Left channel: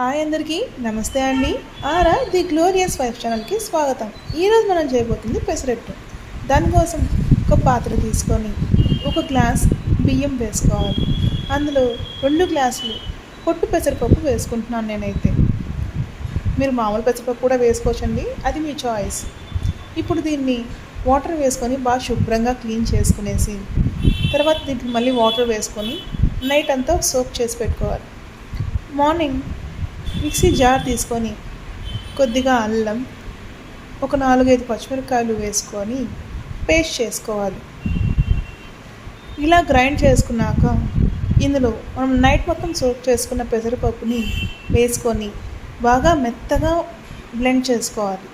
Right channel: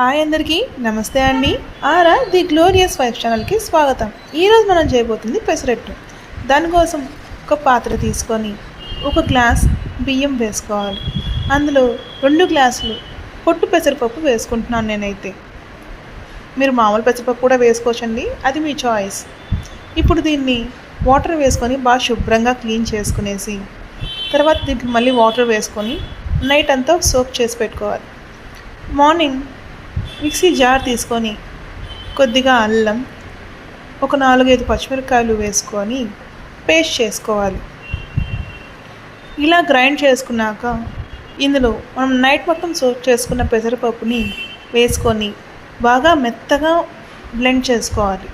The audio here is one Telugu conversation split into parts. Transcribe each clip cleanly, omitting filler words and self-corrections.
హాయ్ అందరికీ నమస్తే అండి. ఆరా ది గ్లోరియస్ వైఫ్ ఛానల్కి స్వాగతం. ఈరోజు మనం చేయబోతుంది పెసరట్టు. దానికోసం ఒక పాత్ర తీసుకొని ఒక గ్లాస్ బియ్యం వేసుకోవాలి. అందులో 2 గ్లాసులు పొట్టు పెసరపప్పు వేసుకుంటున్నాను నేనైతే. మీరు మామూలు పెసరపప్పు కూడా వేసుకోవచ్చండి, అది మీ చాయిస్. ఇప్పుడు దీన్ని వాటర్ వేసుకొని బాగా శుభ్రంగా క్లీన్ చేసుకునేసి తర్వాత దీంట్లో మళ్ళీ వాటర్ వేసుకొని నైట్ అంతా సోక్ చేసి పెట్టుకోవాలి. మార్నింగ్ మిక్సీ జార్ తీసుకొని కొద్దిగా అల్లం, ఒక 4-5 పచ్చిమిరపకాయలు వేసుకొని పేస్ట్ చేసుకోవాలి. ఇలా గ్రైండ్ చేసుకున్నాక ఇందులో మనం నైట్ మొత్తం సోక్ చేసుకున్న పెసరపప్పుని వేసుకొని బాగా మెత్తగా బ్లెండ్ చేసుకోవాలి.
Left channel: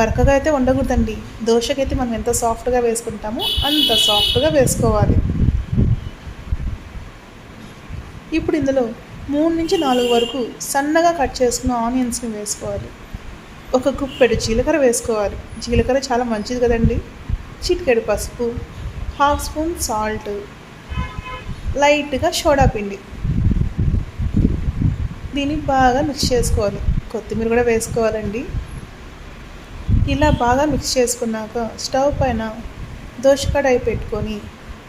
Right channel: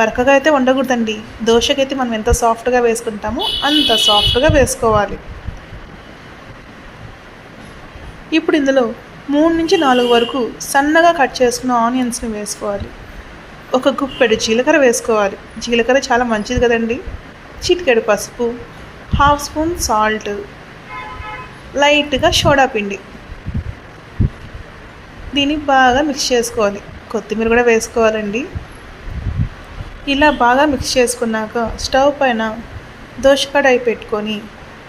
బరకగా అయితే ఉండకూడదండి. దోశకైతే మనం ఎంత సాఫ్ట్గా వేసుకుంటామో అంత సాఫ్ట్గా వేసుకోవాలి. ఇప్పుడు ఇందులో 3-4 వరకు సన్నగా కట్ చేసుకున్న ఆనియన్స్ని వేసుకోవాలి. ఒక గుప్పెడు జీలకర్ర వేసుకోవాలి. జీలకర్ర చాలా మంచిది కదండి. చిటికెడు పసుపు, 1/2 స్పూన్ సాల్ట్, లైట్గా సోడా పిండి. దీన్ని బాగా మిక్స్ చేసుకోవాలి. కొత్తిమీర కూడా వేసుకోవాలండి. ఇలా బాగా మిక్స్ చేసుకున్నాక స్టవ్ పైన దోశ కడాయి పెట్టుకొని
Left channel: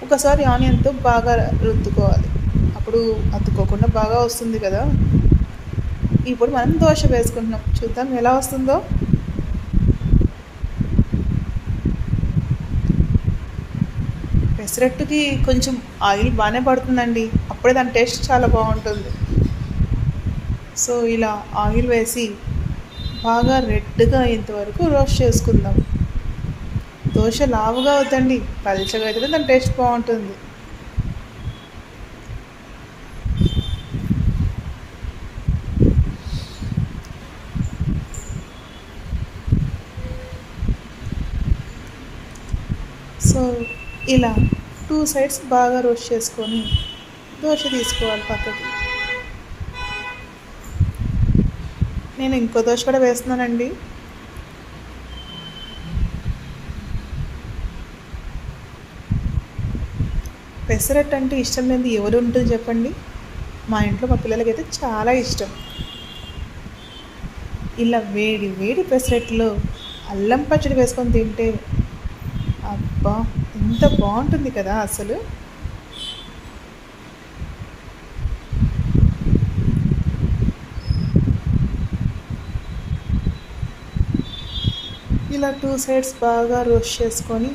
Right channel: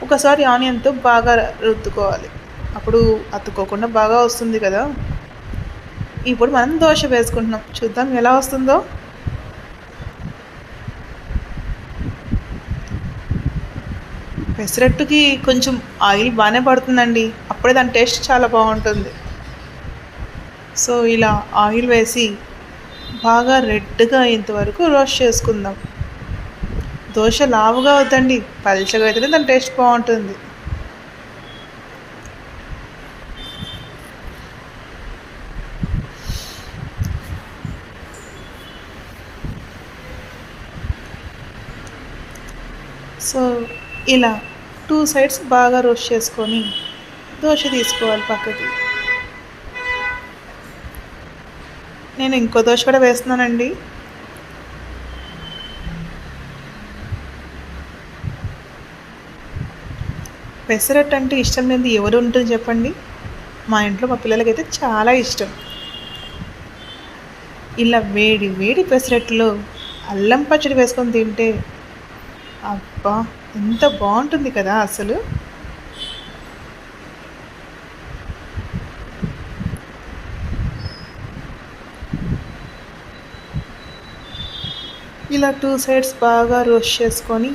ఒకసారి ఆనియన్తో బాగా రుద్దుకోవాలి. అప్పుడు అతుక్కోకుండా బాగా వస్తుంది కదా. ఇప్పుడు మనం దోశ వేసుకుంటున్నాం, చూద్దాం ఎలా వస్తుందో. పెసరట్టుకి కొంచెం ఆయిల్ బాగానే పడుతుందండి, అప్పుడే దాని టేస్ట్ చాలా బాగుంటుంది. సో ఇలా ఆయిల్ వేసి బాగా రెడ్గా అయ్యేంతవరకు రోస్ట్ చేసుకుందాం. దోశ లావుగా అవుతండి, పల్చగా అయితేనే దాని టేస్ట్ బాగుంటుంది. సో ఇలా 2 సైడ్స్ బాగా రోస్ట్ చేసుకొని దోశ తీసుకోవాలి పక్కకి. నేను ఇంకో దోశ కూడా వేస్తున్నానండి. పెసరట్టు అంటే ఇష్టం లేనిది ఎవరు ఉంటుంది చెప్పండి? మా ఇంట్లో మా పిల్లలకైతే చాలా ఇష్టం. ఇలా వేడి వేడి పెసరట్టులో అల్లం పచ్చడి వేసుకొని తింటే అబ్బా ఎంత బాగుంటుంది కదా అసలు. ఇలా 2 సైడ్స్ బాగా రోస్ట్ చేసుకొని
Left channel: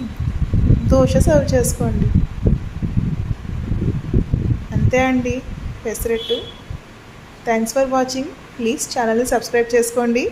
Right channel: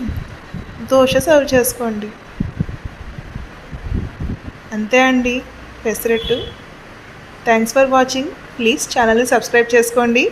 దోశ సర్వ్ చేసుకోండి. అంతే అండి pesarattu. Thanks for watching. Please ఛానల్ని సబ్స్క్రైబ్ చేసుకోండి.